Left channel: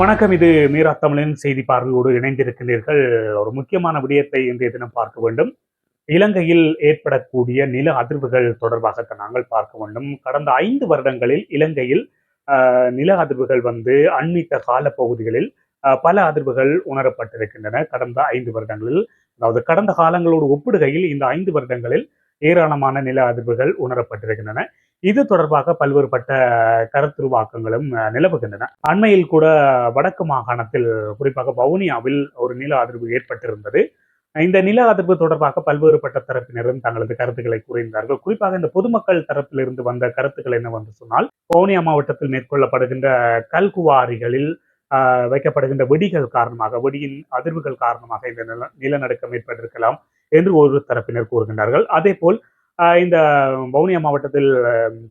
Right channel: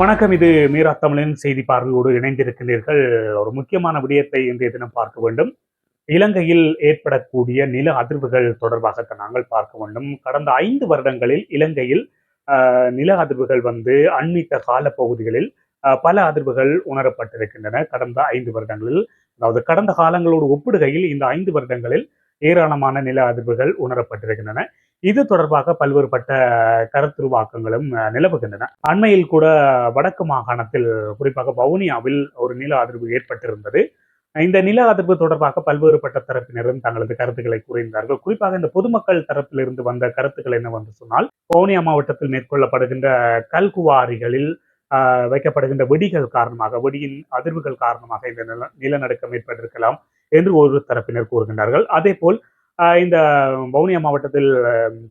வணக்கம். இது மீரா தமிழின் செய்தி பார்வையோடு இணைந்திருக்கிறீர்கள். ஒரு முக்கியமான விடயத்தை இன்றைய தினம் பார்க்க வேண்டும். இலங்கையில் ஏற்படக்கூடிய நில அதிர்வுகள் தொடர்பாக நாங்கள் பார்க்க வேண்டும். கடந்த 5 வருடங்களில் இலங்கையில் நில அதிர்வுகள் அண்மித்த கால பகுதிகளில் பல அதிர்வுகள் உணரப்பட்டிருக்கின்றன. கடந்த 5 வருடங்களில், அதாவது கடந்த காலங்களோடு ஒப்பிடுகையில் இந்த 5 வருடங்களில் ஏராளமான நில அதிர்வுகள் உணரப்பட்டிருக்கின்றன. இது தொடர்பாக பல்வேறுபட்ட கருத்துருவாக்கங்களும் நிலவுகின்றன. அண்மையில் கூட வடக்கு மாகாணத்தில், குறிப்பாக வவுனியாவில் ஒரு நில அதிர்வு ஏற்பட்டிருந்தது. இந்த நில அதிர்வு தொடர்பாக பல்வேறுபட்ட தரப்பினரும் தங்களது கருத்துக்களை கூறியிருந்தார்கள். குறிப்பாக இந்த பொதுமக்கள் தரப்பிலிருந்து வந்த கருத்துக்கள் என்னவென்று சொன்னால், வவுனியா மாவட்டத்தில் மேற்கொள்ளப்படுகின்ற கல்குவாரிகளில் வைக்கப்படுகின்ற வெடிகள் காரணமாக, வெடியின் அதிர்வுகள் காரணமாக இந்த நிலநடுக்கம் ஏற்பட்டிருக்கலாம் என்று ஒரு தரப்பினர் கூறுகின்றார்கள். அதே போல் இந்த வவுனியா மாவட்டத்தில்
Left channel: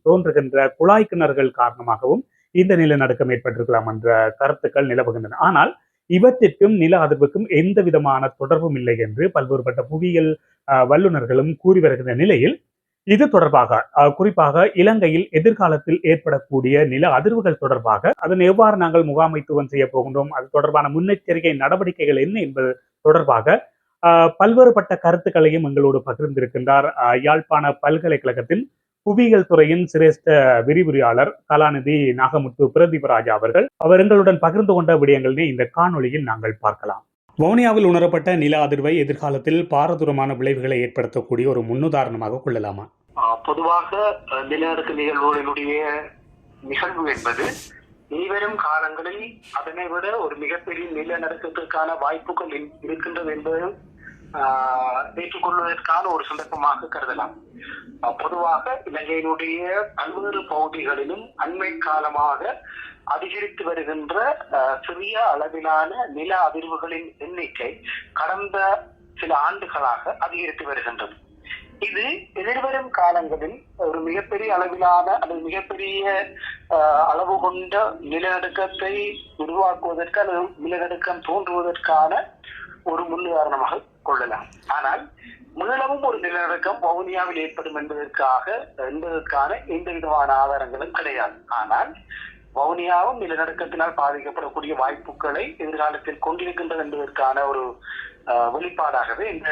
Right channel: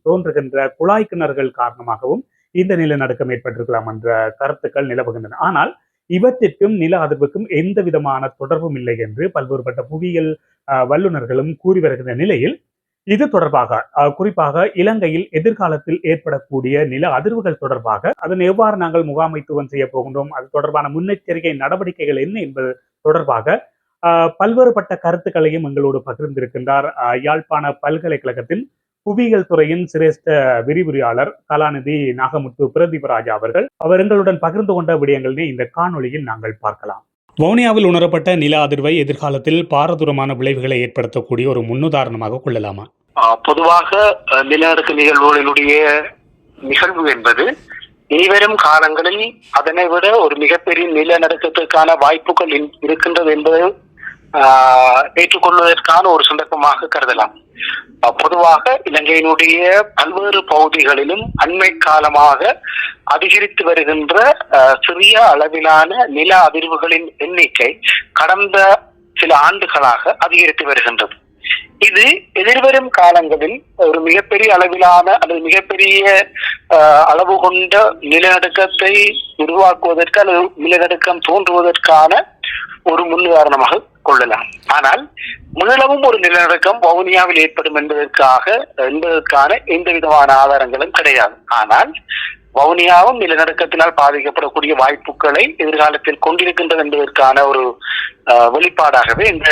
தோன்றுகின்ற குழாய் கிணறுகள் காரணமாகவும் இந்த நிலநடுக்கம் ஏற்பட்டிருக்கலாம் என்ற கருத்துக்கள் நிலவுகின்றன. ஆனால் இவற்றிற்கும் நில அதிர்வுக்கும் எந்த விதமான தொடர்பும் இல்லை என்று பல்வேறுபட்ட புவியியல் வல்லுநர்களும் கூறி வருகின்ற நிலையில், இது தொடர்பாக குறிப்பாக இலங்கையில் எதிர்காலத்தில் ஏற்படக்கூடிய நில அதிர்வுகள் தொடர்பாக அதனை எவ்வாறு நாங்கள் முகாமைத்துவம் செய்ய போகின்றோம், அது தொடர்பான முன்னெச்சரிக்கை நடவடிக்கைகள் என்ன என்பது தொடர்பாக பல்வேறுபட்ட கருத்துக்களையும் எங்களோடு பகிர்ந்திருக்கின்றார் யாழ்ப்பாண பல்கலைக்கழகத்தின் புவியியல் துறையின் சிரேஷ்ட விரிவுரையாளர் கலாநிதி நாகமுத்து பிரதீபராஜா அவர்கள். அவர் எங்களுடன் பகிர்ந்து கொண்ட விடயங்களை இந்த காணொளியில் நாங்கள் பார்க்கலாம். வவுனியாவில் உணரப்பட்ட நில அதிர்வை எதிர்காலத்தில் பாரதூரமான விளைவுகளை ஏற்படுத்தக்கூடிய ஒரு முன்னுதாரணமாக கொள்ளலாமா? பொதுவாக நிலநடுக்க நிகழ்வுகளினுடைய நிகழ்வு என்பது இனிவரும் காலங்களில் அதனை விட ஒரு மிகப்பெரிய நிலநடுக்கத்திற்கான வாய்ப்புகள் இருக்கின்றது என்பதை ஏற்றுக்கொள்வதற்கான ஒரு சந்தர்ப்பமாக கருதலாம். பொதுவாக இலங்கையினுடைய பல்வேறு பகுதிகளிலும் அண்மை காலமாக அதிகரித்து வருகின்ற சிறிய அளவிலான நில அதிர்வுகளின் எண்ணிக்கை கடந்த சில ஆண்டுகளாக அதிகரித்து வருகின்றது. இது எதிர்வரும் காலங்களில் ஒரு மிகப்பெரிய அளவிலான அல்லது மிகப்பெரிய அளவு கொண்ட நிலநடுக்கத்தை உருவாக்குவதற்கு அல்லது நிலநடுக்கம் தோன்றுவதற்கான ஒரு முன்னுதாரணமாக கொள்ளலாம். ஆனால் மீளவும் ஒரு நிலநடுக்கம் வவுனியாவில் ஏற்படும் என்பதற்கான எந்த விதமான ஆதாரங்களும் கிடையாது. ஆனால் வவுனியாவும் நிலநடுக்கத்தினால் பாதிக்கப்படக்கூடிய வாய்ப்புகளை எதிர்காலத்தில் கொண்டிருக்கின்றது என்பதற்கான ஒரு வெளிப்பாடாகவே இந்த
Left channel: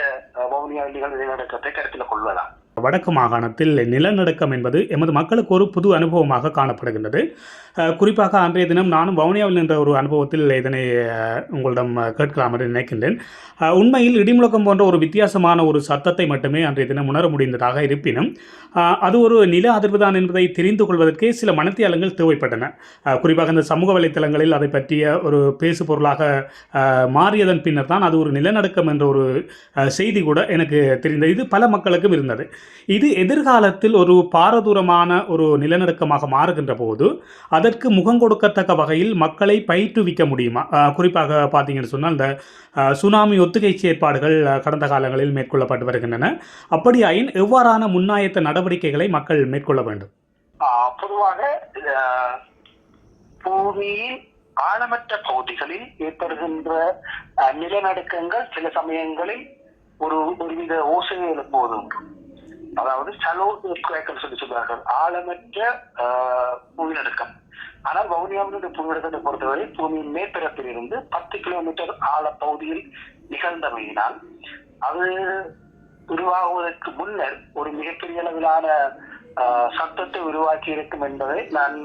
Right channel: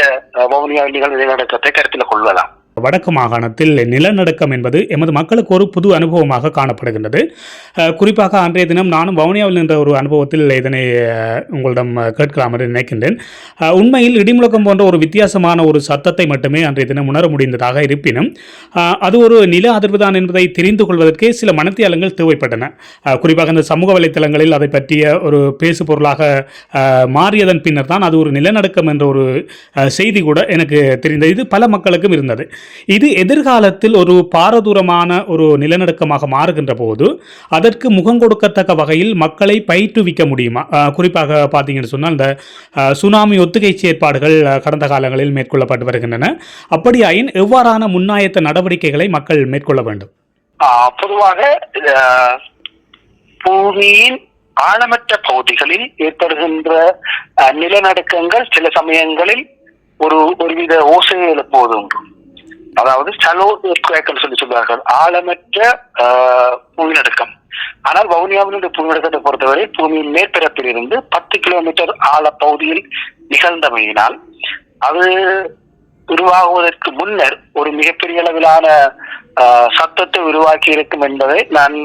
வவுனியாவில் நிகழ்ந்த நிலநடுக்கத்தை கருத்தில் கொள்ளலாம். வடக்கு மாகாணத்தில் நிலநடுக்கம் என்பது எமது மக்களுக்கு ஒரு புது அனுபவமாக காணப்படுகின்றது. குறிப்பாக அன்றைய தினம் நானும் வவுனியாவில் நின்ற ஒரு அனுபவத்தில் இதனை உங்களிடம் கேட்கலாம் என்று நினைக்கின்றேன். உண்மையில் இடிமுழக்கம் போன்ற ஒரு வித்தியாசமான ஒரு சத்தத்தை மட்டுமே அன்றைய தினம் உணர முடிந்ததாக இருப்பினும், அது ஒரு நில அதிர்வுதான் என்பதை தெரிந்து கொள்வதற்கே சில மனத்தியாலங்கள் தேவைப்பட்டன. குறிப்பாக இந்த சமூக வலைத்தளங்களில் அதை பற்றிய ஒரு பேசு பொருளாக மாறியதன் பின்னர் தான் அது ஒரு நிலநடுக்கம் என்ற ஒரு செய்தி கூட எனக்கு தெரிந்தது. இது பல மக்களுக்கும் இருந்தது. இது எதிர்காலத்தில் ஒரு பாரதூரமான ஒரு நிலநடுக்கமாக மாறுகின்ற போது அதற்கு முகம் கொடுக்கத்தக்க வகையில் மக்களை பயிற்றுவிக்க முடியுமா? குறிப்பாக பார்த்தீங்கன்னு சொன்னால், இந்த சுனாமி ஒத்திகை செயற்பாடுகள் கடந்த காலங்களில் மேற்கொள்ளப்பட்டு வருகின்றன. அப்படியாயின் எவ்வாறான முன்னாயத்த நடவடிக்கைகளை மக்கள் மேற்கொள்ள வேண்டும்? பொதுவாக பூமியின் ஆழமற்ற பகுதிகளில் ஏற்படுகின்ற நிலநடுக்கங்கள் சில சமயங்களில் ஒருவித ஓசையை எழுப்புவது, அதாவது சலோ சொல்லி சொல்வார்கள், ஆழமற்ற புவிநடுக்கம். ஆனால் வவுனியாவினுடைய புவிநடுக்கத்தை பொறுத்தவரை பூமியின் மேற்பரப்பில் இருந்து 10 கிலோமீட்டர் ஆழ பகுதியில் நிகழ்ந்தமையினால் அது உருவாகுவதற்கு முன்னர் ஒரு மிகப்பெரிய அளவிலான சத்தத்தை உருவாக்கி இருக்கும் என்பதை நான்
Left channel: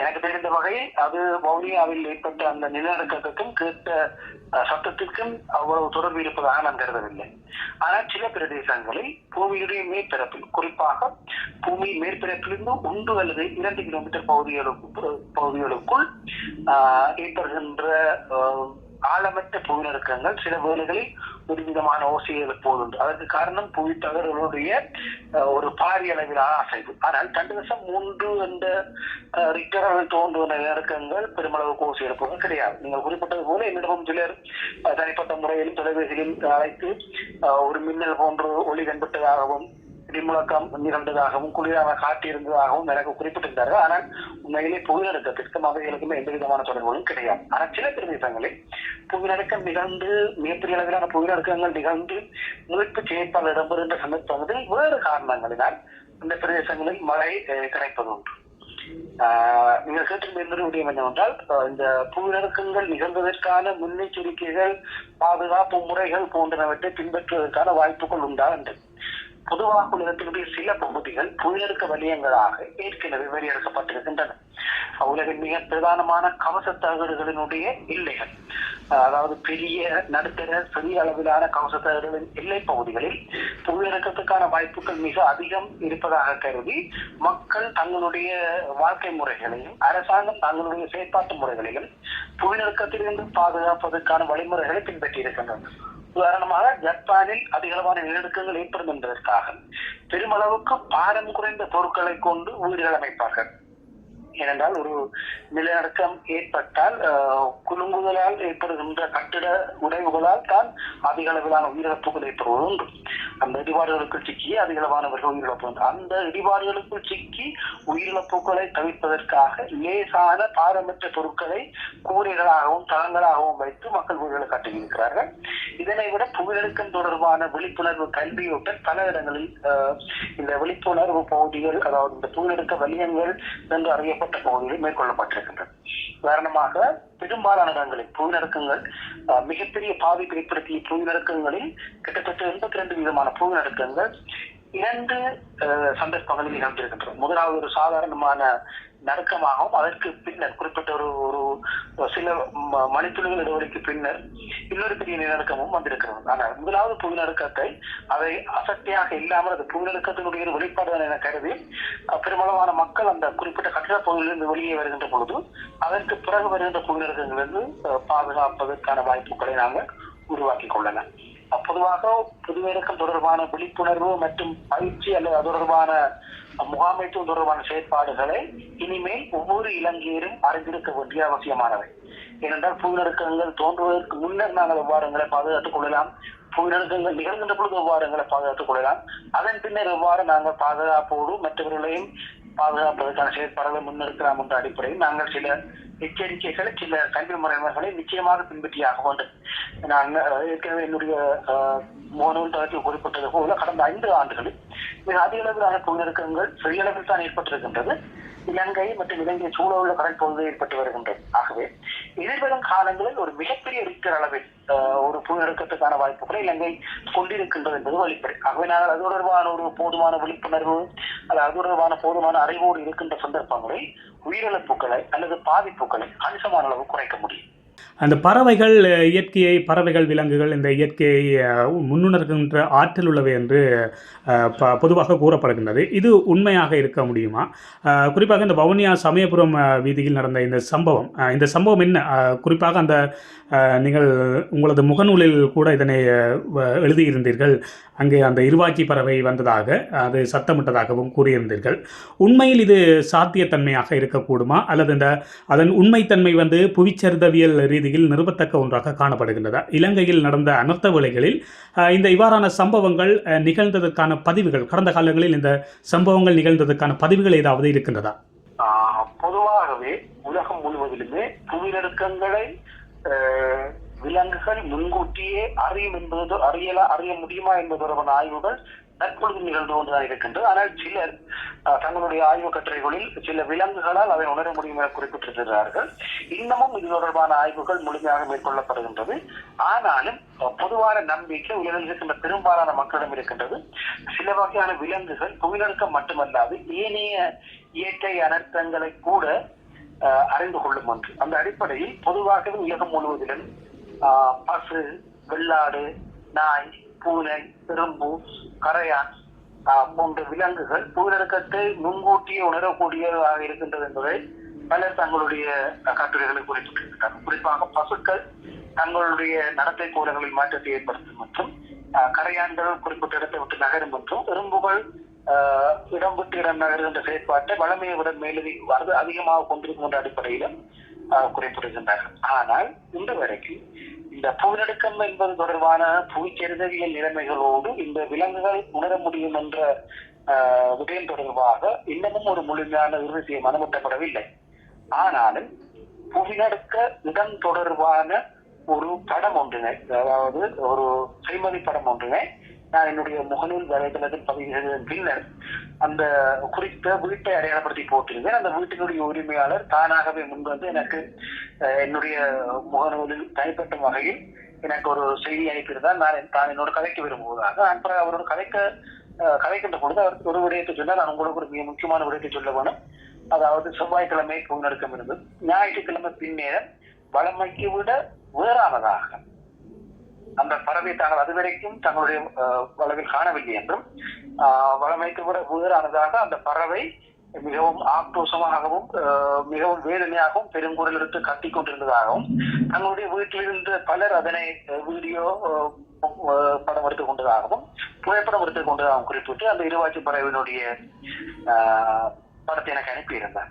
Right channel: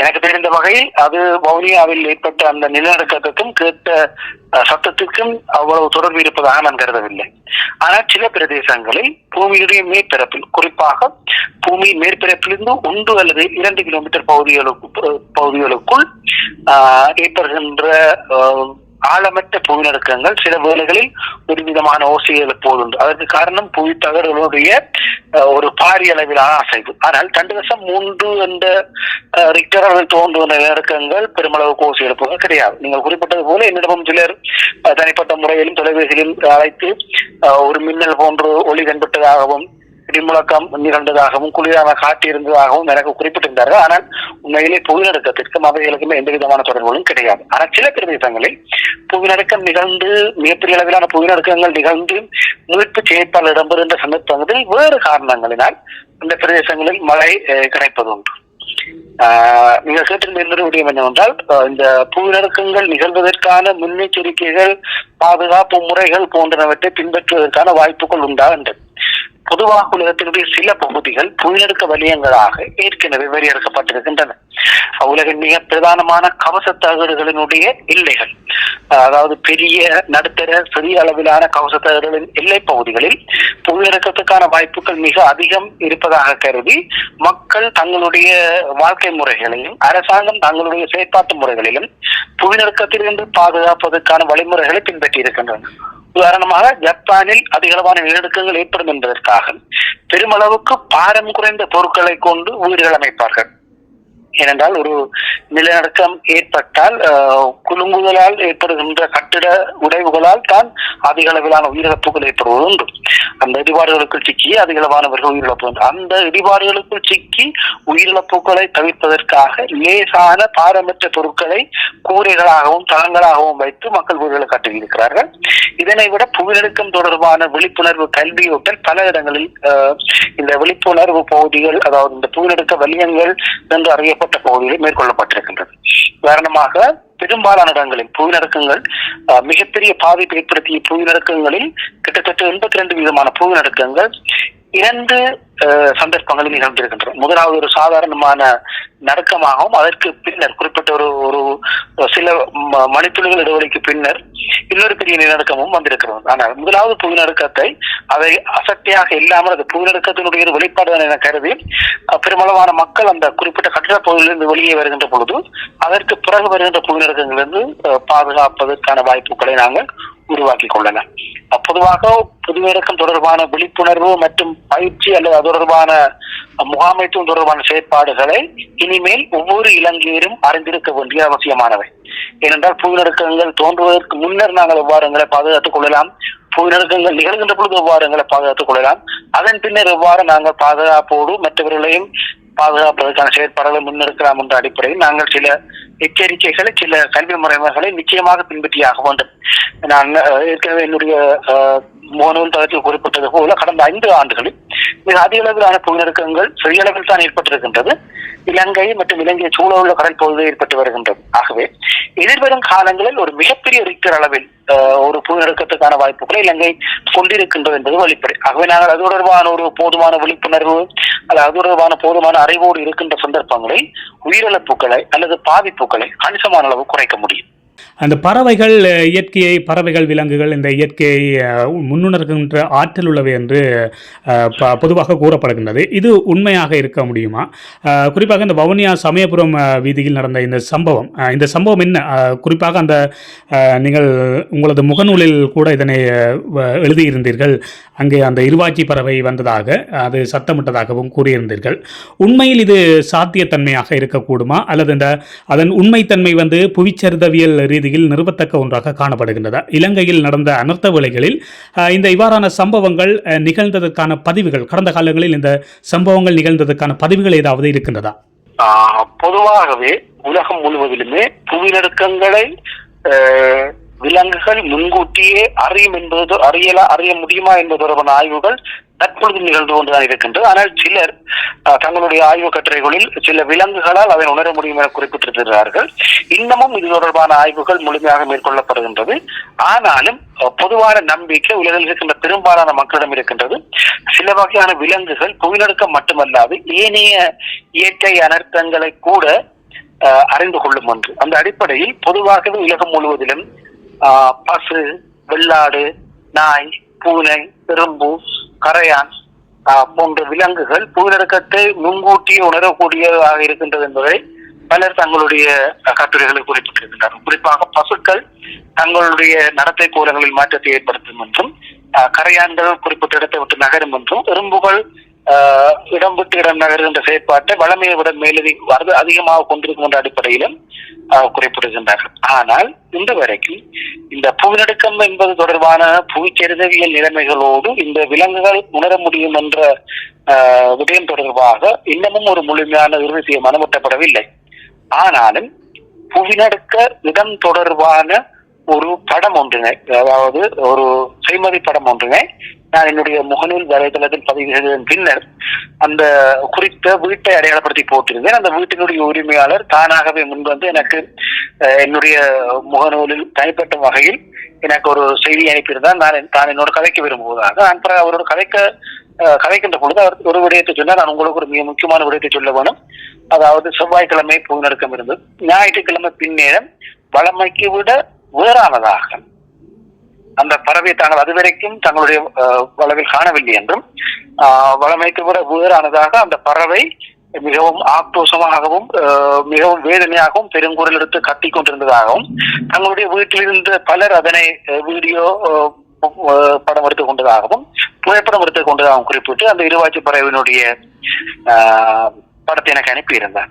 எனக்கு தெரிந்த வகையில் அது வவுனியாவில் ஏற்பட்ட அந்த நிலநடுக்கத்துக்கும் கேட்ட சத்தத்திற்கும் அவ்வளவு தொடர்பு இருப்பதாக நான் கருதவில்லை. ஆனால் சில பிரதேசங்களில் பூமியுடைய மேற்பரப்பில், குறிப்பாக பூமி மேற்பரப்பிலிருந்து 1 அல்லது 2 கிலோமீட்டர் பகுதிகளுக்குள் ஏற்படுகின்ற ஆழமற்ற புவிநடுக்கங்கள் சில வேளைகளில் ஒரு விதமான ஓசையை எழுப்புவதுண்டு. அதற்கு காரணம் புவி தகடுகளுடைய ஒரு பாரிய அளவிலான அசைவு. ஆனால் 2.3 என்ற ரிக்டர் அளவில் தோன்றும் நிலநடுக்கங்கள் பெருமளவுக்கு ஓசை எழுப்புவது கிடையாது. நீங்கள் குறிப்பிட்டது போல என்னிடமும் சிலர் தனிப்பட்ட முறையிலும் தொலைபேசியிலும் அழைத்து ஒரு மின்னல் போன்று ஒளி தென்பட்டதாகவும் இடிமுழக்கம் நிகழ்ந்ததாகவும் குளிரான காற்று இருந்ததாகவும் எனக்கு குறிப்பிட்டிருந்தார்கள். ஆனால் உண்மையிலே புவிநடுக்கத்திற்கும் அவைகளுக்குமே எந்த விதமான தொடர்புகளும் கிடையாது. ஆனால் சில பிரதேசங்களில் புவிநடுக்கம் நிகழ்ந்து, மிகப்பெரிய அளவிலான புவிநடுக்கங்கள் நிகழ்ந்து மீட்பு செயற்பாடு இடம்பெறுகின்ற சந்தர்ப்பங்களில் வேறு காரணங்களினால் அந்த பிரதேசங்களில் மழை கிடைப்பது உண்டு. நீங்கள் கேட்டிருந்த இன்னொரு விடயம் என்னவென்றால் இந்த புவிநடுக்கங்கள் நிகழ்வதற்கான முன்னெச்சரிக்கைகள் பாதுகாப்பு முறைகள் போன்றவற்றை பின்பற்றுவதற்கான வாய்ப்புகள் உண்டா என்று. பொதுவாக உலகத்தினுடைய சில பகுதிகள் புவிநடுக்க வலயங்களாக ஏற்கனவே வரையறுக்கப்பட்டிருக்கின்றன. உலகின் மிக பிரதானமான கவச தகடுகளினுடைய எல்லைகள், அதாவது பெரிய நடுத்தர சிறிய அளவிலான கவச தகடுகளின் எல்லை பகுதிகளில் புவிநடுக்கத்துக்கான வாய்ப்புகள் மிக அதிகம் இருப்பதாக கருதி மக்கள் தங்களுடைய வாழ்க்கை முறைகளையும் அரசாங்கம் தங்களுடைய செயற்பாட்டு முறைகளிலும் புவிநடுக்கத்திலிருந்து பாதுகாப்பதற்கான வழிமுறைகளை பின்பற்றி இருக்கின்றன. உதாரணமாக ஜப்பானில் அதிகளவான நிலநடுக்கங்கள் ஏற்படும் என்பதற்காக பெருமளவுக்கு பாரம் குறைந்த பொருட்களை கொண்டு வீடுகள் அமைப்பார்கள். ஏனென்றால் ஒரு நிலநடுக்கம் ஏற்பட்டால் குலுங்குதலால் ஏற்படுகின்ற கட்டிட உடைவுகளால் தான் அதிக அளவிலான உயிரிழப்புகள் ஏற்படுவது உண்டு. அந்த இடிபாடுகளுக்குள் சிக்கி அதிகளவானவர்கள் உயிரிழப்பு. அந்த இடிபாடுகளுக்குள் சிக்கி உயிரிழப்புகளை தவிர்ப்பதற்காக லேசான பாரமற்ற பொருட்களை கூரைகளாகவும் தளங்களாகவும் வைத்து மக்கள் வீடுகளை கட்டியிருக்கிறார்கள். இதனை விட புவிநடுக்கம் தொடர்பான விழிப்புணர்வு கல்வியூட்டல் பல இடங்களில் இந்த விழிப்புணர்வு பகுதிகள், அதாவது இந்த புவிநடுக்க வலியங்கள் என்று அறியப்பட்ட பகுதிகளில் மேற்கொள்ளப்பட்டிருக்கின்றது. உதாரணமாக பெரும்பாலான இடங்களில் புவிநடுக்கங்கள் மிகப்பெரிய பாதிப்பை ஏற்படுத்திய புவிநடுக்கங்களில் கிட்டத்தட்ட 82 விதமான புவிநடுக்கங்கள் 2 சந்தர்ப்பங்களில் நிகழ்ந்திருக்கின்றன. முதலாவது ஒரு சாதாரணமான நடுக்கமாகவும் அதற்கு பின்னர் குறிப்பிட்ட ஒரு சில மணித்துளிகள் இடைவெளிக்கு பின்னர் இன்னொரு பெரிய நிலநடுக்கமும் வந்திருக்கிறது. ஆனால் முதலாவது புவிநடுக்கத்தை அதை அசட்டையாக இல்லாமல் அது புவிநடுக்கத்தினுடைய ஒரு வெளிப்பாடு என கருதி பெருமளவான மக்கள் அந்த குறிப்பிட்ட கட்டிட பகுதியிலிருந்து வெளியே வருகின்ற பொழுது அதற்கு பிறகு வருகின்ற புவிநடுக்கங்களிலிருந்து பாதுகாப்பதற்கான வாய்ப்புகளை நாங்கள் உருவாக்கி கொள்ளலாம். பொதுவாக புவிநடுக்கம் தொடர்பான விழிப்புணர்வு மற்றும் பயிற்சி அல்லது அது தொடர்பான முகாமைத்துவம் தொடர்பான செயற்பாடுகளை இனிமேல் ஒவ்வொரு இலங்கையரும் அறிந்திருக்க வேண்டிய அவசியமானவை. ஏனென்றால் புவிநடுக்கங்கள் தோன்றுவதற்கு முன்னர் நாங்கள் எவ்வாறு எங்களை பாதுகாத்துக் கொள்ளலாம், புவிநடுக்கங்கள் நிகழ்கின்ற பொழுது எவ்வாறு எங்களை பாதுகாத்துக் கொள்ளலாம், அதன் பின்னர் எவ்வாறு நாங்கள் பாதுகாப்போடு மற்றவர்களையும் பாதுகாப்பதற்கான செயற்பாடுகளை முன்னெடுக்கலாம் என்ற அடிப்படையில் நாங்கள் சில எச்சரிக்கைகளை சில கல்வி முறைமைகளை நிச்சயமாக பின்பற்றியாக வேண்டும். நான் ஏற்கனவே என்னுடைய முகநூல் தளத்தில் குறிப்பிட்டது போல கடந்த 5 ஆண்டுகளில் மிக அதிக அளவிலான புவிநடுக்கங்கள் சிறிய அளவில் தான் ஏற்பட்டிருக்கின்றது. இலங்கை மற்றும் இலங்கையை சூழ உள்ள கடல் பகுதியில் ஏற்பட்டு வருகின்றது. ஆகவே எதிர்வரும் காலங்களில் ஒரு மிகப்பெரிய ரிக்டர் அளவில் ஒரு புவிநடுக்கத்துக்கான வாய்ப்புகளை இலங்கை கொண்டிருக்கின்றது என்பது வெளிப்படை. ஆகவே நாங்கள் அது தொடர்பான ஒரு போதுமான விழிப்புணர்வு அல்லது அது தொடர்பான போதுமான அறிவோடு இருக்கின்ற சந்தர்ப்பங்களில் உயிரிழப்புகளை அல்லது பாதிப்புகளை கணிசமான அளவு குறைக்க முடியும். அந்த பறவைகள் இயற்கையை பறவைகள் விலங்குகள் இந்த இயற்கையை முன்னுணர்கின்ற ஆற்றல் உள்ளவை என்று பொதுவாக கூறப்படுகின்றது. இது உண்மையாக இருக்க முடியுமா? குறிப்பாக இந்த வவுனியா சமயபுரம் வீதியில் நடந்த இந்த சம்பவம் என்ன? குறிப்பாக அந்த நீங்கள் உங்களது முகநூலில் கூட இதனை எழுதியிருந்தீர்கள். அங்கே அந்த இருவாச்சி பறவை வந்ததாக அது சத்தமிட்டதாகவும் கூறியிருந்தீர்கள். உண்மையில் இது சாத்தியத்தன்மையாக இருக்கக்கூடுமா அல்லது அதன் உண்மைத்தன்மை புவிச்சரிதவியல் ரீதியில் நிறுவத்தக்க ஒன்றாக காணப்படுகின்றதா? இலங்கையில் நடந்த அனர்த்த வேளைகளில் இந்த இவ்வாறான சம்பவங்கள் நிகழ்ந்ததற்கான பதிவுகள், கடந்த காலங்களில் இந்த சம்பவங்கள் நிகழ்ந்ததற்கான பதிவுகள் ஏதாவது இருக்கின்றதா? பொதுவாகவே உலகம் முழுவதிலுமே புவிநடுக்கங்களை விலங்குகள் முன்கூட்டியே அறியும் என்பது அறிய முடியுமா என்பது தொடர்பான ஆய்வுகள் தற்பொழுது நிகழ்ந்து கொண்டுதான் இருக்கின்றது. ஆனால் சிலர் தங்களுடைய ஆய்வு கட்டுரைகளில் சில விலங்குகளால் அதை உணர முடியும் என குறிப்பிட்டிருக்கிறார்கள். இன்னமும் இது தொடர்பான ஆய்வுகள் முழுமையாக மேற்கொள்ளப்படுகின்றது. ஆனாலும் பொதுவான நம்பிக்கை உலகில் இருக்கின்ற பெரும்பாலான மக்களிடம் இருக்கின்றது. சில வகையான விலங்குகள் புவிநடுக்கம் மட்டுமல்லாது ஏனைய இயற்கை அனர்த்தங்களை கூட அறிந்து கொள்ளும் ஒன்று. அந்த அடிப்படையில் பொதுவாகவே உலகம் முழுவதிலும் பசு, வெள்ளாடு, நாய், பூனை, எறும்பு, கரையான் போன்ற விலங்குகள் புவிநடுக்கத்தை முன்கூட்டியே உணரக்கூடியதாக இருக்கின்றது என்பதை பலர் தங்களுடைய கட்டுரைகளை குறிப்பிட்டிருக்கின்றனர். குறிப்பாக பசுக்கள் தங்களுடைய நடத்தை கோலங்களில் மாற்றத்தை ஏற்படுத்தும் என்றும், கரையான்கள் குறிப்பிட்ட இடத்தை விட்டு நகரும் என்றும், எறும்புகள் இடம் விட்டு இடம் நகர்கின்ற செயற்பாட்டை வளமையை விட அதிகமாக கொண்டிருக்கும் என்ற அடிப்படையிலும் குறிப்பிடுகின்றார்கள். ஆனால் இன்று வரைக்கும் இந்த புவிநடுக்கம் என்பது தொடர்பான புவிச்சரிதவியல் நிலைமைகளோடு இந்த விலங்குகள் உணர முடியும் என்ற விடயம் தொடர்பாக இன்னமும் ஒரு முழுமையான இறுதி தீர்மானம் எட்டப்படவில்லை. ஆனாலும் புவிநடுக்க இடம் தொடர்பான ஒரு படம் ஒன்றினை, அதாவது ஒரு செய்மதி படம் ஒன்றினை நான் என்னுடைய முகநூல் வலைதளத்தில் பதிவு செய்ததன் பின்னர் அந்த குறித்த வீட்டை அடையாளப்படுத்தி போட்டிருந்தேன். அந்த வீட்டினுடைய உரிமையாளர் தானாகவே முன்வந்து எனக்கு என்னுடைய முகநூலில் தனிப்பட்ட வகையில் எனக்கு ஒரு செய்தி அனுப்பியிருந்தால் தான் என்னோட கதைக்க விரும்புவதாக. நான் அவரோட கதைக்கின்ற பொழுது அவர் ஒரு விடயத்தை சொன்னால், நான் உங்களுக்கு ஒரு மிக முக்கியமான விடயத்தை சொல்ல வேணும். அதாவது செவ்வாய்க்கிழமை புதுநடுக்கம் இருந்தது. ஞாயிற்றுக்கிழமை பின்னேரம் வளமைக்கு விட வேறானதாக அந்த பறவை தாங்கள் அதுவரைக்கும் தங்களுடைய வளவில் காணவில்லை என்றும், வளமைக்கு விட வேறானதாக அந்த பறவை மிகவும் ஆக்ரோஷமாகவும் மிகவும் வேதனையாகவும் பெருங்குரல் எடுத்து கத்திக் கொண்டிருந்ததாகவும், தங்களுடைய வீட்டில் இருந்த பலர் அதனை வீடியோ படம் எடுத்துக் கொண்டதாகவும் புகைப்படம் எடுத்துக் கொண்டதாகவும் குறிப்பிட்டு அந்த இருவாச்சி பறவையினுடைய படத்தை எனக்கு அனுப்பியிருந்தார்.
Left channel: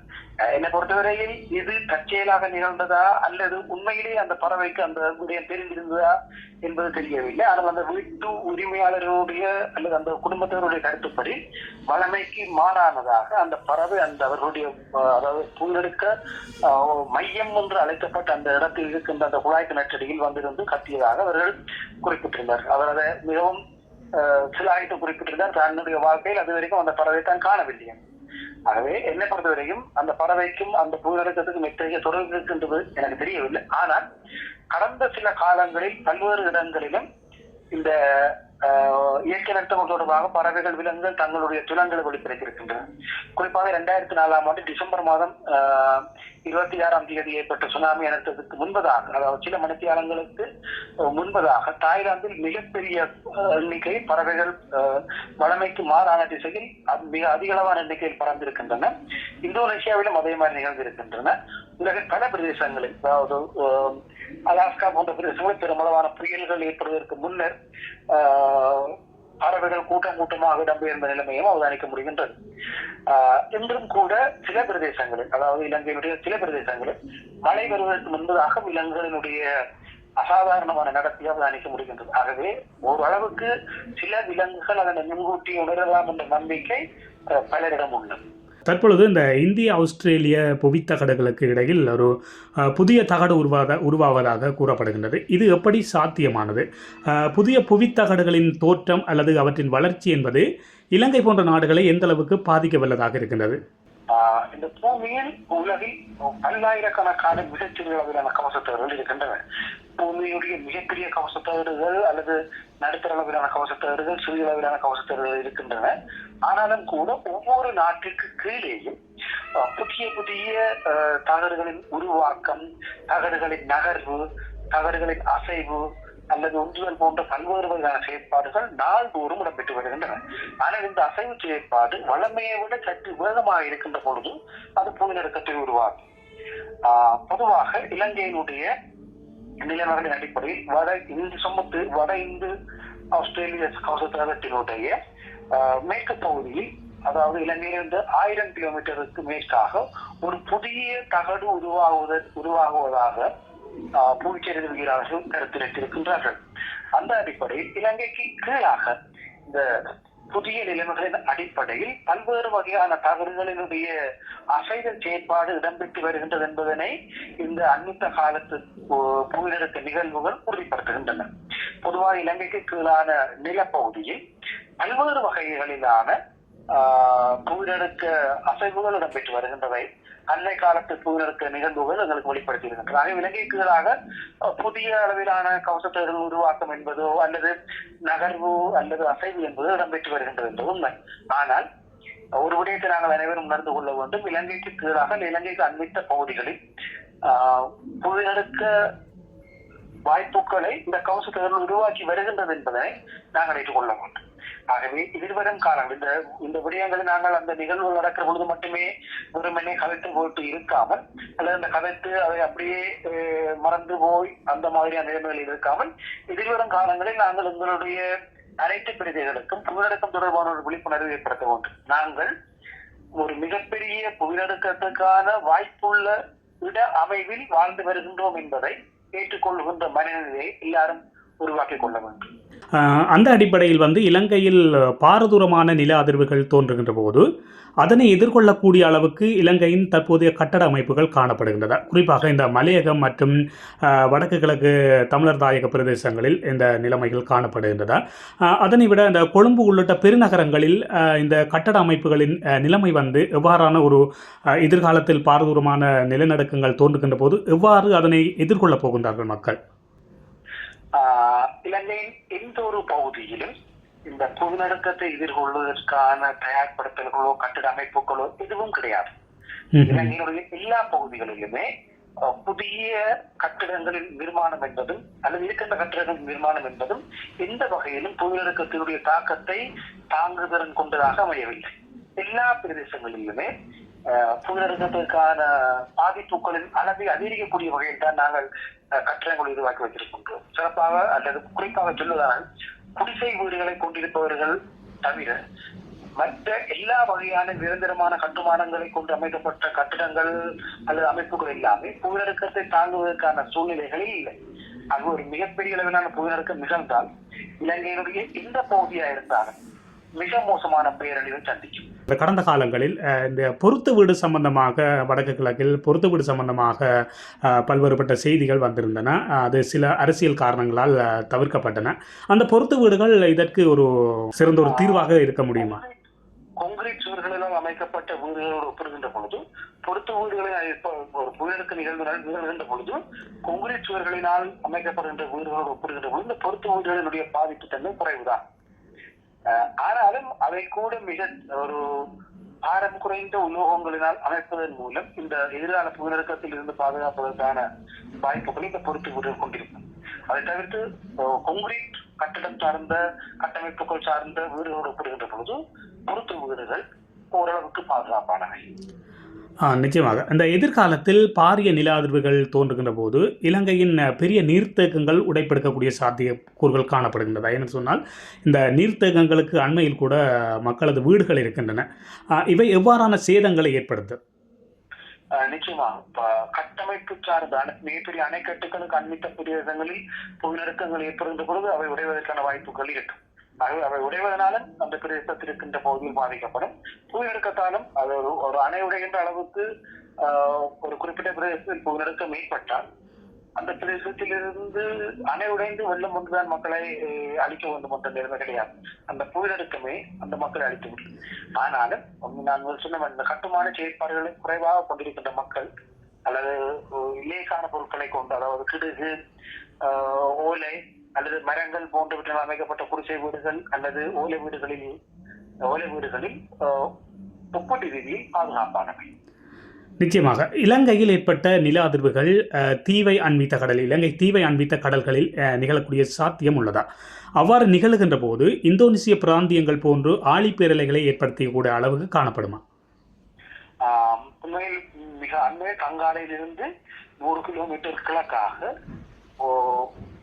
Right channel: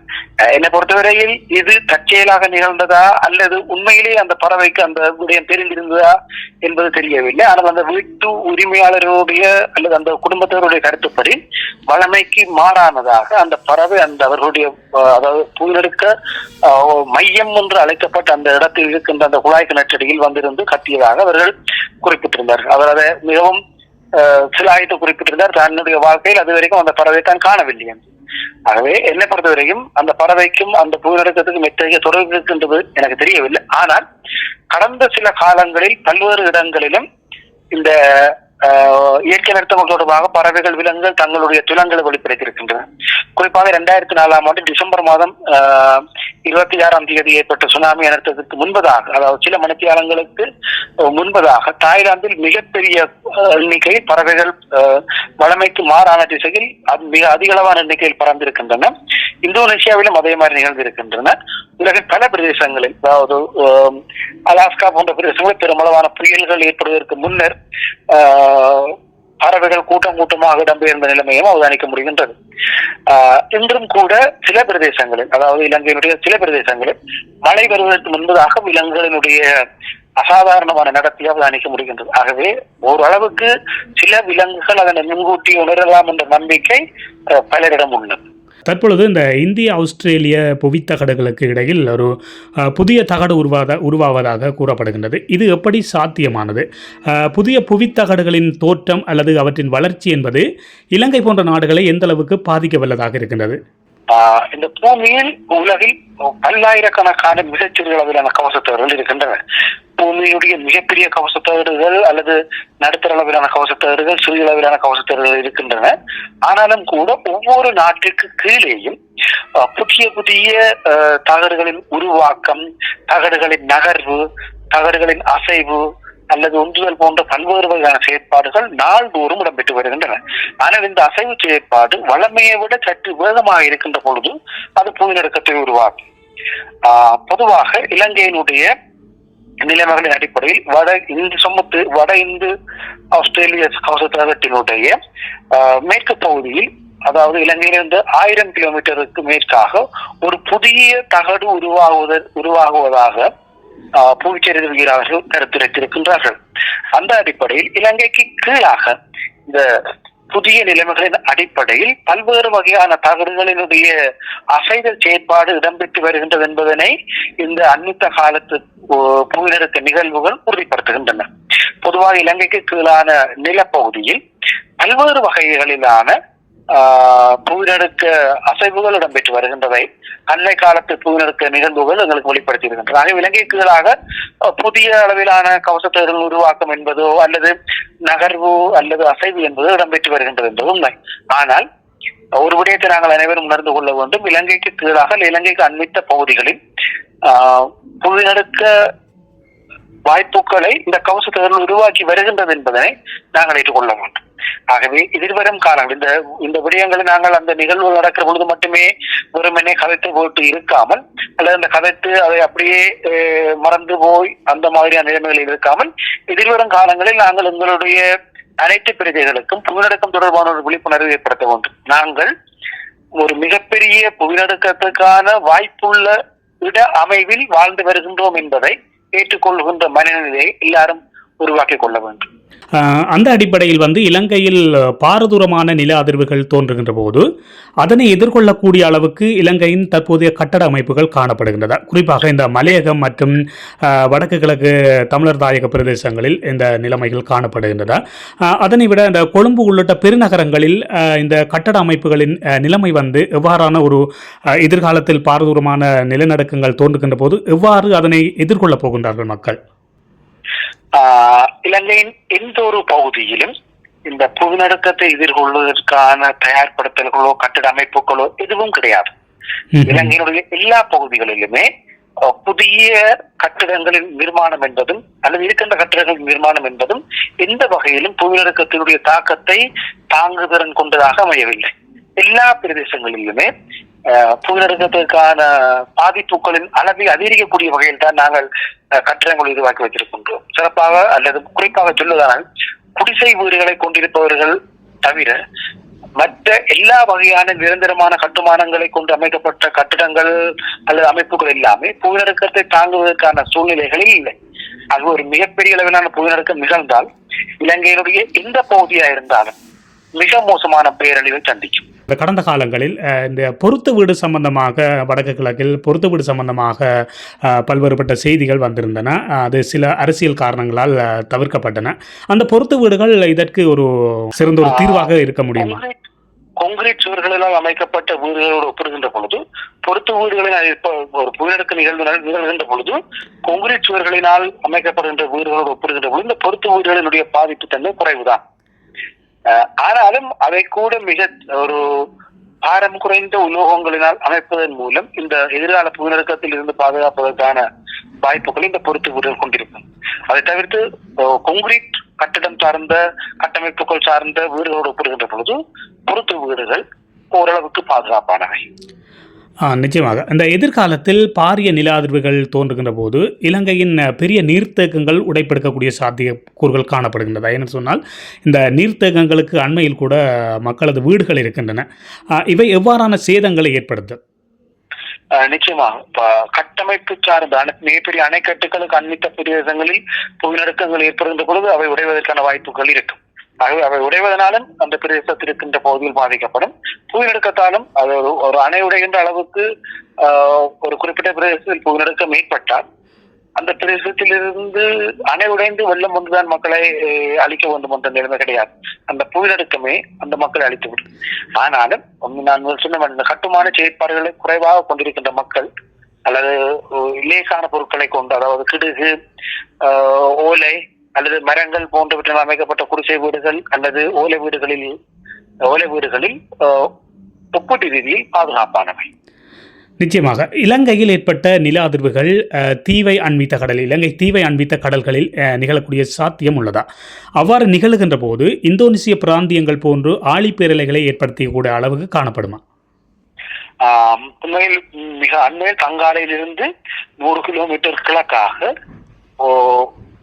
என்னை பொறுத்தவரையில் இது தற்செயலாக நிகழ்ந்ததா அல்லது உண்மையிலேயே அந்த பறவைக்கு அந்த விடயம் தெரிந்திருந்ததா என்பது தெரியவில்லை. ஆனால் அந்த வீட்டு உரிமையாளருடைய அல்லது அந்த குடும்பத்தினருடைய கருத்துப்படி வளமைக்கு மாறானதாக அந்த பறவை அந்த அவர்களுடைய அதாவது புயலெடுக்க மையம் என்று அழைக்கப்பட்ட அந்த இடத்தில் இருக்கின்ற அந்த குழாய் கிணற்றடியில் வந்திருந்து கத்தியதாக அவர்கள் குறிப்பிட்டிருந்தார்கள். அவர் அதை மிகவும் சிலாயித்து குறிப்பிட்டிருந்தார். தன்னுடைய வாழ்க்கையில் அது வரைக்கும் அந்த பறவை தான் காணவில்லை. ஆகவே என்னை பொறுத்தவரைக்கும் அந்த பறவைக்கும் அந்த புயலெடுக்கத்துக்கும் எத்தகைய தொடர்பு இருக்கின்றது எனக்கு தெரியவில்லை. ஆனால் கடந்த சில காலங்களில் பல்வேறு இடங்களிலும் இந்த இயற்கை நிறுத்தங்கள் தொடர்பாக பறவைகள் விலங்குகள் தங்களுடைய துலங்களை வெளிப்படுத்தியிருக்கின்றன. குறிப்பாக 2004 ஆண்டு டிசம்பர் மாதம் 26 ஏற்பட்ட சுனாமி அனர்த்தத்துக்கு முன்பதாக, அதாவது சில மணித்தியாலங்களுக்கு முன்பதாக தாய்லாந்தில் மிகப்பெரிய எண்ணிக்கையில் பறவைகள் வளமைக்கு மாறான திசையில் மிக அதிகளவான எண்ணிக்கையில் பறந்திருக்கின்றன. இந்தோனேசியாவிலும் அதே மாதிரி நிகழ்ந்திருக்கின்றன. உலகின் பல பிரதேசங்களில், அதாவது அலாஸ்கா போன்ற பிரதேசங்களில் பெருமளவான புயல்கள் ஏற்படுவதற்கு முன்னர் பறவைகள் கூட்டமாக இடம்பெயர்ந்த நிலைமையும் அவதானிக்க முடிகின்றது. இன்றும் கூட சில பிரதேசங்களில், அதாவது இலங்கையினுடைய சில பிரதேசங்களில் மழை வருவதற்கு முன்பதாக விலங்குகளினுடைய அசாதாரணமான நடத்தையை அவதானிக்க முடிகின்றது. ஆகவே ஓரளவுக்கு சில விலங்குகள் அதனை முன்கூட்டி உணரலாம் என்ற நம்பிக்கை பலரிடம் உள்ளது. தற்பொழுது இந்த இந்திய ஆஸ்திரேலிய புவித்தகடுகளுக்கு இடையில் ஒரு புதிய தகடு உருவாவதாக கூறப்படுகின்றது. இது எப்படி சாத்தியமானது? புதிய புவித்தகடுகளின் தோற்றம் அல்லது அவற்றின் வளர்ச்சி என்பது இலங்கை போன்ற நாடுகளை எந்த அளவுக்கு பாதிக்க வல்லதாக இருக்கின்றது? இந்த பூமியில் உலகில் பல்லாயிரக்கணக்கான மிகச்சிறிய அளவிலான கவசத்தகடுகள் இருக்கின்றன. பூமியுடைய மிகப்பெரிய கவசத்தகடுகள் அல்லது நடுத்தர அளவிலான கவசத்தகடுகள், சிறிய அளவிலான கவசத்தகடுகள் இருக்கின்றன. ஆனாலும் கூட ஒவ்வொரு நாட்டிற்கு கீழேயும் புதிய புதிய தகடுகளின் உருவாக்கம், தகடுகளின் நகர்வு, தகடுகளின் அசைவு அல்லது ஒன்றுதல் போன்ற பல்வேறு வகையான செயற்பாடுகள் நாள்தோறும் இடம்பெற்று வருகின்றன. ஆனால் இந்த அசைவு செயற்பாடு வளமையை விட சற்று வேகமாக இருக்கின்ற பொழுது அது புயலெடுக்கத்தை உருவாக்கும். பொதுவாக இலங்கையினுடைய நிலைமைகளின் அடிப்படையில் வட இந்து ஆஸ்திரேலிய கவசத்தகட்டினுடைய மேற்கு பகுதியில், அதாவது இலங்கையிலிருந்து 1000 கிலோமீட்டருக்கு மேற்காக ஒரு புதிய தகடு உருவாகுவதாக புவிச்சரிதவியலாளர்கள் கருத்துரைத்திருக்கின்றார்கள். அந்த அடிப்படையில் இலங்கைக்கு கீழாக இந்த புதிய நிலைமைகளின் அடிப்படையில் பல்வேறு வகையான தகடுகளினுடைய அசைதல் செயற்பாடு இடம்பெற்று வருகின்றது என்பதனை இந்த அண்மித்த காலத்து புவிநடுக்க நிகழ்வுகள் உறுதிப்படுத்துகின்றன. பொதுவாக இலங்கைக்கு கீழான நிலப்பகுதியில் பல்வேறு வகைகளிலான புவிநடுக்க அசைவுகள் இடம்பெற்று வருகின்றவை அண்மை காலத்து புவிநடுக்க நிகழ்வுகள் எங்களுக்கு வெளிப்படுத்தி இருக்கின்றன. ஆக இலங்கை கீழாக புதிய அளவிலான கவசத்தகடுகள் உருவாக்கம் என்பதோ அல்லது நகர்வு அல்லது அசைவு என்பதோ இடம்பெற்று வருகின்றது என்பது உண்மை. ஆனால் ஒரு விடயத்தை நாங்கள் அனைவரும் உணர்ந்து கொள்ள வேண்டும். இலங்கைக்கு கீழாக இலங்கைக்கு அண்மித்த பகுதிகளில் புவிநடுக்க வாய்ப்புகளை இந்த கவசத்தகடுகள் உருவாக்கி வருகின்றது என்பதனை நாங்கள் ஏற்றுக்கொள்ள வேண்டும். ஆகவே எதிர்வரும் காலங்கள் இந்த விடயங்களை நாங்கள் அந்த நிகழ்வுகள் நடக்கிற பொழுது மட்டுமே வெறுமனே கதைத்து போட்டு இருக்காமல், அல்லது அந்த கதைத்து அதை அப்படியே மறந்து போய் அந்த மாதிரியான நிலைமைகளில் இருக்காமல், எதிர்வரும் காலங்களில் நாங்கள் எங்களுடைய அனைத்து பிரஜைகளுக்கும் புவிநடுக்கம் தொடர்பான ஒரு விழிப்புணர்வு ஏற்படுத்த வேண்டும். நாங்கள் ஒரு மிகப்பெரிய புவிநடுக்கத்துக்கான வாய்ப்புள்ள இட அமைவில் வாழ்ந்து வருகின்றோம் என்பதை ஏற்றுக்கொள்கின்ற மனநிலையை எல்லாரும் உருவாக்கிக் கொள்ள வேண்டும். அந்த அடிப்படையில் இலங்கையில் பாரதூரமான நில அதிர்வுகள் தோன்றுகின்ற போது அதனை எதிர்கொள்ளக்கூடிய அளவுக்கு இலங்கையின் தற்போதைய கட்டட அமைப்புகள் காணப்படுகின்றன. குறிப்பாக இந்த மலையகம் மற்றும் வடக்கு கிழக்கு தமிழர் தாயக பிரதேசங்களில் இந்த நிலைமைகள் காணப்படுகின்றன. அதனை விட இந்த கொழும்பு உள்ளிட்ட பெருநகரங்களில் இந்த கட்டட அமைப்புகளின் நிலைமை எவ்வாறான ஒரு எதிர்காலத்தில் பாரதூரமான நிலநடுக்கங்கள் தோன்றுகின்ற போது எவ்வாறு அதனை எதிர்கொள்ளப் போகின்றார்கள் மக்கள்? இலங்கையின் எந்த ஒரு பகுதியிலும் இந்த புவிநடுக்கத்தை எதிர்கொள்வதற்கான தயார்படுத்தல்களோ கட்டிட அமைப்புகளோ எதுவும் கிடையாது. இலங்கையினுடைய எல்லா பகுதிகளிலுமே புதிய கட்டிடங்களின் நிர்மாணம் என்பதும் அல்லது இருக்கின்ற கட்டிடங்களின் நிர்மாணம் என்பதும் எந்த வகையிலும் புவிநடுக்கத்தினுடைய தாக்கத்தை தாங்குதிறன் கொண்டதாக அமையவில்லை. எல்லா பிரதேசங்களிலுமே புவிநடுக்கத்திற்கான பாதிப்புகளின் அளவை அதிகரிக்கக்கூடிய வகையில் தான் நாங்கள் கட்டிடங்களை உருவாக்கி வைத்திருக்கின்றோம். சிறப்பாக அல்லது குறிப்பாக சொல்வதானால் குடிசை வீடுகளை கொண்டிருப்பவர்கள் தவிர மற்ற எல்லா வகையான நிரந்தரமான கட்டுமானங்களை கொண்டு அமைக்கப்பட்ட கட்டிடங்கள் அல்லது அமைப்புகள் எல்லாமே புவிநடுக்கத்தை தாங்குவதற்கான சூழ்நிலைகளில் இல்லை. அது ஒரு மிகப்பெரிய அளவிலான புவிநடுக்கம் நிகழ்ந்தால் இலங்கையினுடைய எந்த பகுதியா இருந்தாலும் மிக மோசமான பேரழிவை சந்திக்கும். கடந்த காலங்களில் இந்த பொருத்து வீடு சம்பந்தமாக வடக்கு கிழக்கில் பொருத்து வீடு சம்பந்தமாக பல்வேறுபட்ட செய்திகள் வந்திருந்தன. அது சில அரசியல் காரணங்களால் தவிர்க்கப்பட்டன. அந்த பொருத்து வீடுகள் இதற்கு ஒரு சிறந்த ஒரு தீர்வாக இருக்க முடியுமா? கொங்கிரீட் சுவர்களால் அமைக்கப்பட்ட வீடுகளோடு ஒப்பிடுகின்ற பொழுது பொருத்து வீடுகளில் ஒரு புவிநடுக்க நிகழ்கின்ற பொழுது கொங்கிரீட் சுவர்களினால் அமைக்கப்படுகின்ற வீடுகளோடு ஒப்பிடுகின்ற பொழுது இந்த பொருத்து வீடுகளினுடைய பாதிப்பு தன்மை குறைவுதான். ஆனாலும் அதை கூட மிக ஒரு பாரம் குறைந்த உலோகங்களினால் அமைப்பதன் மூலம் இந்த எதிர்கால புவிநடுக்கத்தில் இருந்து பாதுகாப்பதற்கான வாய்ப்புகளை இந்த பொருத்து வீடுகள் கொண்டிருக்கும். அதை தவிர்த்து கொங்கிரீட் கட்டிடம் சார்ந்த கட்டமைப்புகள் சார்ந்த வீடுகளோடு ஒப்பிடுகின்ற பொழுது பொருத்து வீடுகள் ஓரளவுக்கு பாதுகாப்பானவை. நிச்சயமாக இந்த எதிர்காலத்தில் பாரிய நில அதிர்வுகள் தோன்றுகின்ற போது இலங்கையின் பெரிய நீர்த்தேக்கங்கள் உடைப்பெடுக்கக்கூடிய சாத்தியக்கூறுகள் காணப்படுகின்றதா? என்று சொன்னால் இந்த நீர்த்தேக்கங்களுக்கு அண்மையில் கூட மக்களது வீடுகள் இருக்கின்றன. இவை எவ்வாறான சேதங்களை ஏற்படுத்தும்? நிச்சயமாக கட்டமைப்பு சார்ந்த மிகப்பெரிய அணைக்கட்டுகளுக்கு அண்மித்த பிரதேசங்களில் புவிநடுக்கங்கள் ஏற்படுகின்ற பொழுது அவை உடைவதற்கான வாய்ப்புகள் இருக்கும். ஆகவே அவை உடைவதனாலும் அந்த பிரதேசத்தில் இருக்கின்ற பகுதியில் பாதிக்கப்படும். புவிநடுக்கத்தாலும் அது ஒரு அணை உடைகின்ற அளவுக்கு ஒரு குறிப்பிட்ட பிரதேசத்தில் புவிநடுக்கம் ஏற்பட்டால் அந்த பிரதேசத்திலிருந்து அணை உடைந்து வெள்ளம் ஒன்றுதான் மக்களை அழிக்க வேண்டும் என்ற நிலைமை கிடையாது. அந்த புவிநடுக்கமே அந்த மக்களை அழித்துவிடும். ஆனாலும் நான் சொன்ன இந்த கட்டுமான செயற்பாடுகளை குறைவாக கொண்டிருக்கின்ற மக்கள் அல்லது லேசான பொருட்களை கொண்டு, அதாவது கிடுகு, ஓலை அல்லது மரங்கள் போன்றவற்றால் அமைக்கப்பட்ட குடிசை வீடுகள் அல்லது ஓலை வீடுகளில் ஒப்பீட்டு ரீதியில் பாதுகாப்பானவை. நிச்சயமாக இலங்கையில் ஏற்பட்ட நில அதிர்வுகள் இலங்கை தீவை அண்மித்த கடல்களில் நிகழக்கூடிய சாத்தியம் உள்ளதா? அவ்வாறு நிகழ்கின்ற போது இந்தோனேசிய பிராந்தியங்கள் போன்று ஆழிப்பேரலைகளை ஏற்படுத்தக்கூடிய அளவுக்கு காணப்படுமா? உண்மையில் மிக அண்மையில் கங்காலையிலிருந்து 100 கிலோமீட்டர் கிழக்காக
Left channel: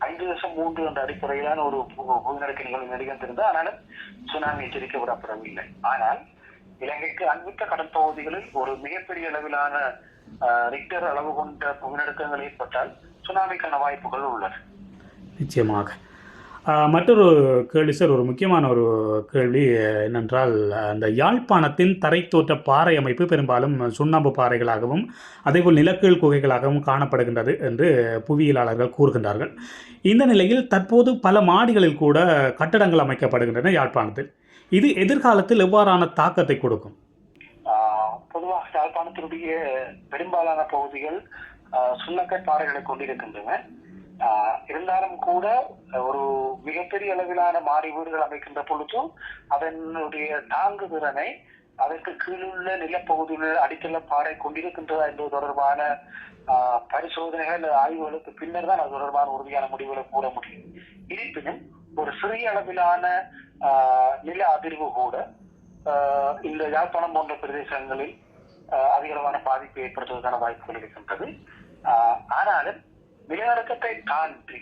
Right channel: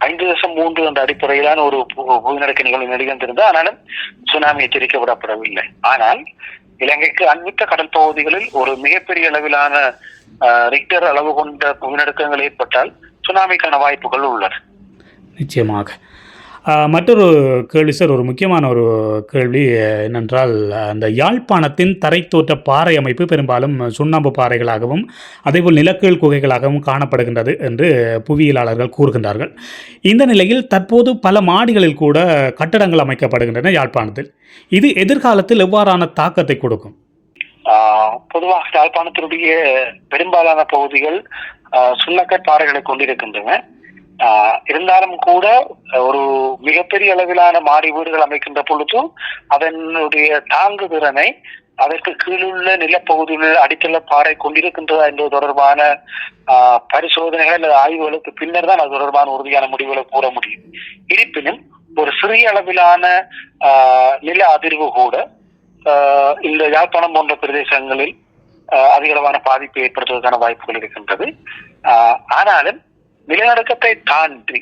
5.3 என்ற அடிப்படையிலான ஒரு புவிநடுக்க நிகழ்வு நிகழ்ந்திருந்தது. ஆனாலும் சுனாமி எச்சரிக்கை விடப்படவில்லை. ஆனால் இலங்கைக்கு அண்மித்த கடல் பகுதிகளில் ஒரு மிகப்பெரிய அளவிலான ரிக்டர் அளவு கொண்ட புவிநடுக்கங்கள் ஏற்பட்டால் சுனாமிக்கான வாய்ப்புகள் உள்ளன. நிச்சயமாக. மற்றொரு கேள்வி சார், ஒரு முக்கியமான ஒரு கேள்வி என்னென்றால், அந்த யாழ்ப்பாணத்தின் தரைத்தோற்ற பாறை அமைப்பு பெரும்பாலும் சுண்ணாம்பு பாறைகளாகவும் அதேபோல் நிலக்கீழ் குகைகளாகவும் காணப்படுகின்றது என்று புவியியலாளர்கள் கூறுகின்றார்கள். இந்த நிலையில் தற்போது பல மாடிகளில் கூட கட்டடங்கள் அமைக்கப்படுகின்றன யாழ்ப்பாணத்தில். இது எதிர்காலத்தில் எவ்வாறான தாக்கத்தை கொடுக்கும்? பொதுவாக யாழ்ப்பாணத்தினுடைய பெரும்பாலான பகுதிகள் சுண்ணக்கட் பாறைகளை கொண்டிருக்கின்றன. இருந்தாலும் கூட ஒரு மிகப்பெரிய அளவிலான மாடி வீடுகள் அமைக்கின்ற பொழுது அதனுடைய தாங்கு திறனை அதற்கு கீழுள்ள நிலப்பகுதியில் அடித்தள பாறை கொண்டிருக்கின்றதா என்பது தொடர்பான பரிசோதனைகள் அல்லது ஆய்வுகளுக்கு பின்னர் தான் அது தொடர்பான உறுதியான முடிவுகளை கூற முடியும். இருப்பினும் ஒரு சிறிய அளவிலான நில அதிர்வு கூட இந்த யாழ்ப்பாணம் போன்ற பிரதேசங்களில் அதிகளவான பாதிப்பை ஏற்படுத்துவதற்கான வாய்ப்புகள் இருக்கின்றது. ஆனாலும் நிலநடுக்கத்தை தாண்டி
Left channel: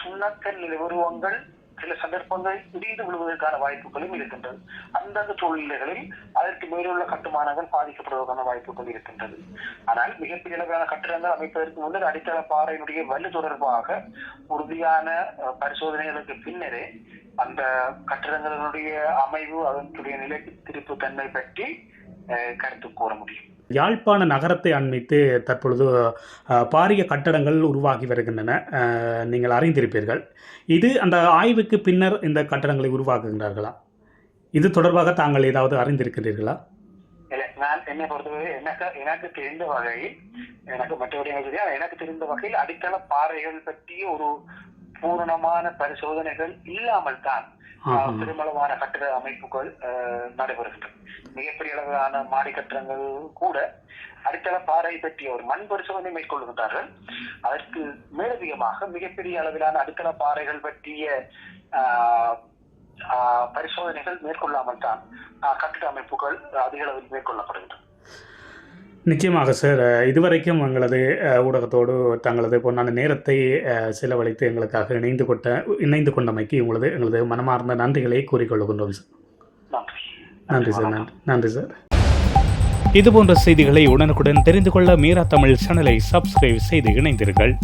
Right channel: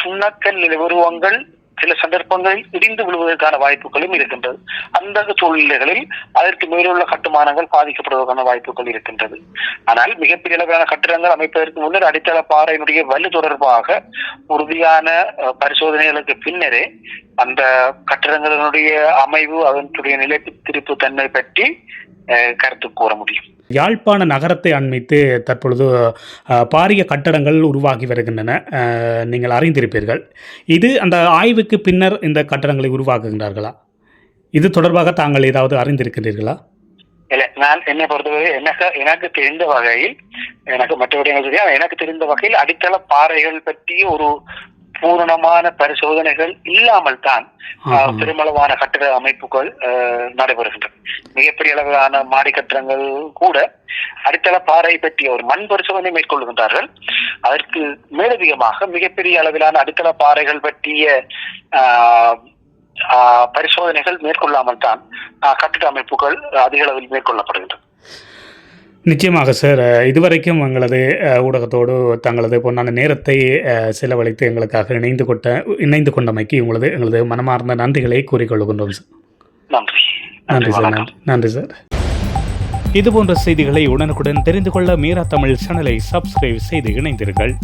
சுண்ணக்கல் நில உருவங்கள் சில சந்தர்ப்பங்களில் இடிந்து விழுவதற்கான வாய்ப்புகளும் இருக்கின்றது. அந்த சூழ்நிலைகளில் அதற்கு மேலுள்ள கட்டுமானங்கள் பாதிக்கப்படுவதற்கான வாய்ப்புகள் இருக்கின்றது. ஆனால் மிகப்பெரிய அளவிலான கட்டிடங்கள் அமைப்பதற்கு முன்னர் அடித்தள பாறையினுடைய வலு தொடர்பாக உறுதியான பரிசோதனைகளுக்கு பின்னரே அந்த கட்டிடங்களினுடைய அமைவு அதனுடைய நிலைத்திருப்பு தன்மை பற்றி கருத்து கூற முடியும். யாழ்ப்பாண நகரத்தை அண்மித்து தற்பொழுது பாரிய கட்டடங்கள் உருவாகி வருகின்றன, நீங்கள் அறிந்திருப்பீர்கள். இது அந்த ஆய்வுக்கு பின்னர் இந்த கட்டடங்களை உருவாக்குகின்றார்களா? இது தொடர்பாக தாங்கள் ஏதாவது அறிந்திருக்கிறீர்களா? இல்ல, நான் என்னை பொறுத்தவரை எனக்கு தெரிந்த வகையில், எனக்கு மற்றவர்கள் எனக்கு தெரிந்த வகையில் அடித்தள பாறைகள் பற்றிய ஒரு பூரணமான பரிசோதனைகள் இல்லாமல் தான் பெருமளவான கட்டிட அமைப்புகள் நடைபெறுகின்றன. மிகப்பெரிய அளவிலான மாடி கட்டிடங்கள் கூட அடித்தள பாறை பற்றிய ஒரு மண் பரிசோதனை மேற்கொள்கின்றார்கள். அதற்கு மேலதிகமாக மிகப்பெரிய அளவிலான அடித்தள பாறைகள் பற்றிய பரிசோதனைகள் மேற்கொள்ளாமல் தான் கட்டிட அமைப்புகள் அதிக அளவில் மேற்கொள்ளப்படுகின்றன. நிச்சயமாக சார், இதுவரைக்கும் எங்களது ஊடகத்தோடு தங்களது பொன்னான நேரத்தை செலவழித்து எங்களுக்காக இணைந்து கொண்டமைக்கு எங்களது மனமார்ந்த நன்றிகளை கூறிக்கொள்கின்றோம் சார். நன்றி சார். நன்றி சார். இதுபோன்ற செய்திகளை உடனுக்குடன் தெரிந்து கொள்ள மீரா தமிழ் சேனலை சப்ஸ்கிரைப் செய்து இணைந்தீர்கள்.